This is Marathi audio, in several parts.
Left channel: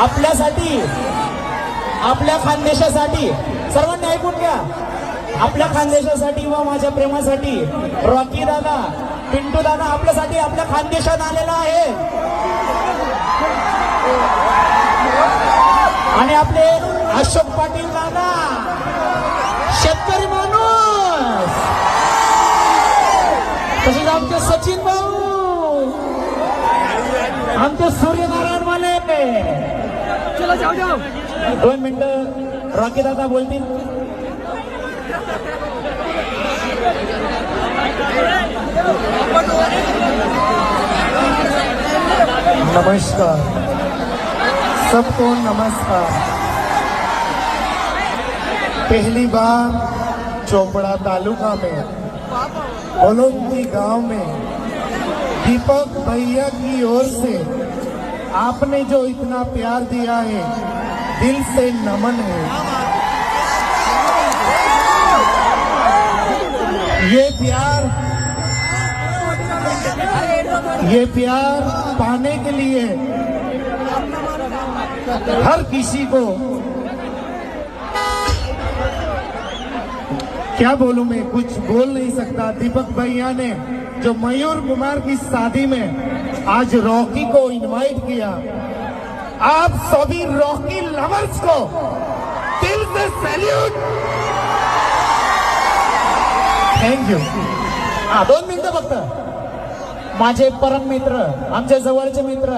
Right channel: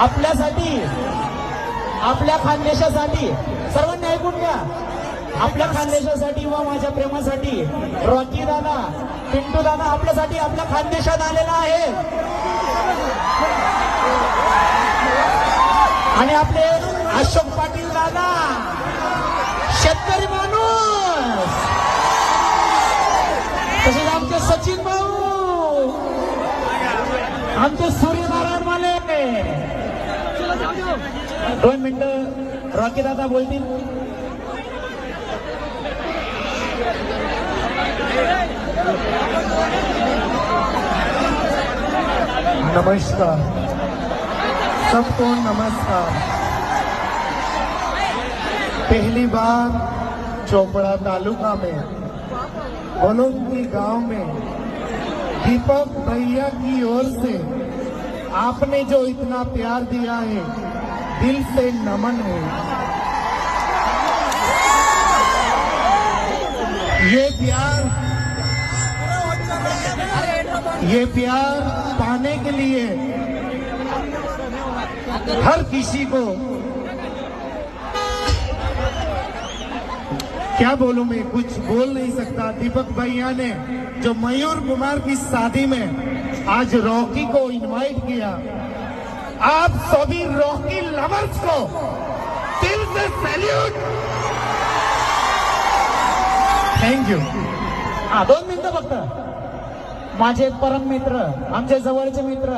आपल्यासाठी, आपल्या खानदेशासाठी, सर्वांनी ऐकून घ्या, आपल्या खानदेशासाठी व माझ्या प्रेमासाठी रॉकी दादा, पिंटू दादा आपल्यासाठी आपल्या खानदेशात आलेला आहे. आणि आपले अशोक पाटील दादा, शेतकरी माणूस, तसेच आमचे सचिन भाऊ, आमचे सूर्यनारायण वाले. 2 मिनिटं रॉकी दादा बोलतील. नमस्कार, सबको नमस्कार. पहली बार चोपड़ा तालुका में बलौंदी गांव में दीपक भैया की ओर से आपने जो इतना प्यार दिया है, दिल से नमन है. ये प्यार पाने के लिए हर किसी को, क्या बोलूं मैं, कुछ बोल नहीं सकता. दीपक भैया ने जो मयूर कुमार की शादी में आज रॉकी को इनवाइट किया, आप सभी रॉकी लवर्स को दिल से सैल्यूट. Thank you. 2 मिनिटं फक्त. माझे परम मित्र, आमचे जवळचे मित्र,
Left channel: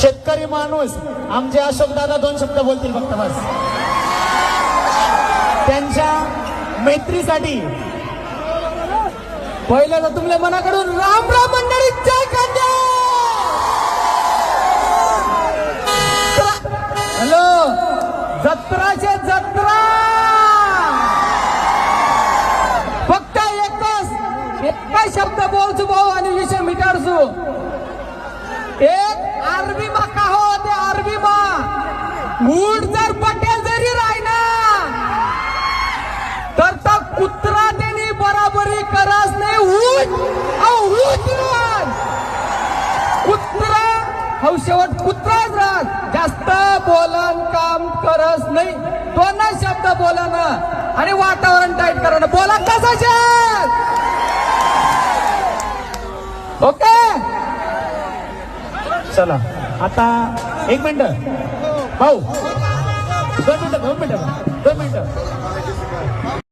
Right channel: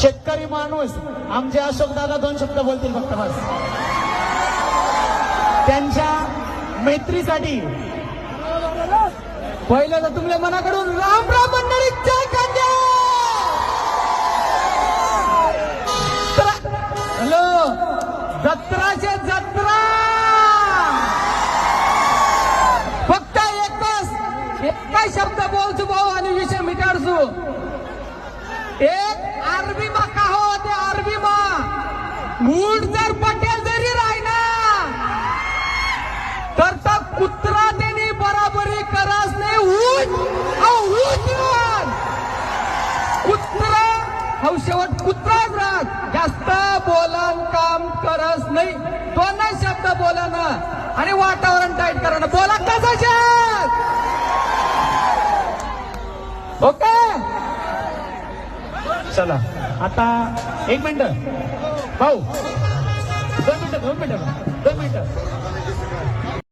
शेतकरी माणूस आमचे अशोक दादा 2 शब्द बोलतील फक्त बस. त्यांच्या मैत्रीसाठी पहिलं तर तुमच्या मनाकडून राम राम मंडळी जय खानदेश. हॅलो, जत्राचे जत्रा. फक्त एकच शब्द बोलचो भाऊ आणि विषय मिटाडचो. एक आरबी मा का हो ते आरबी मा ऊट जर पटेल जरी राहिना तर त्या कुत्रा त्यांनी बराबरी कराच नाही. ऊट कुत्रा हौशेवट कुत्राच राहत, जास्त बोलान काम करत नाही. 2 शब्द बोला ना आणि वातावरण टाईट करा ना. बोला कसं ओके. चला आता 1 मिनिट भाऊ, 2 मिनिटं.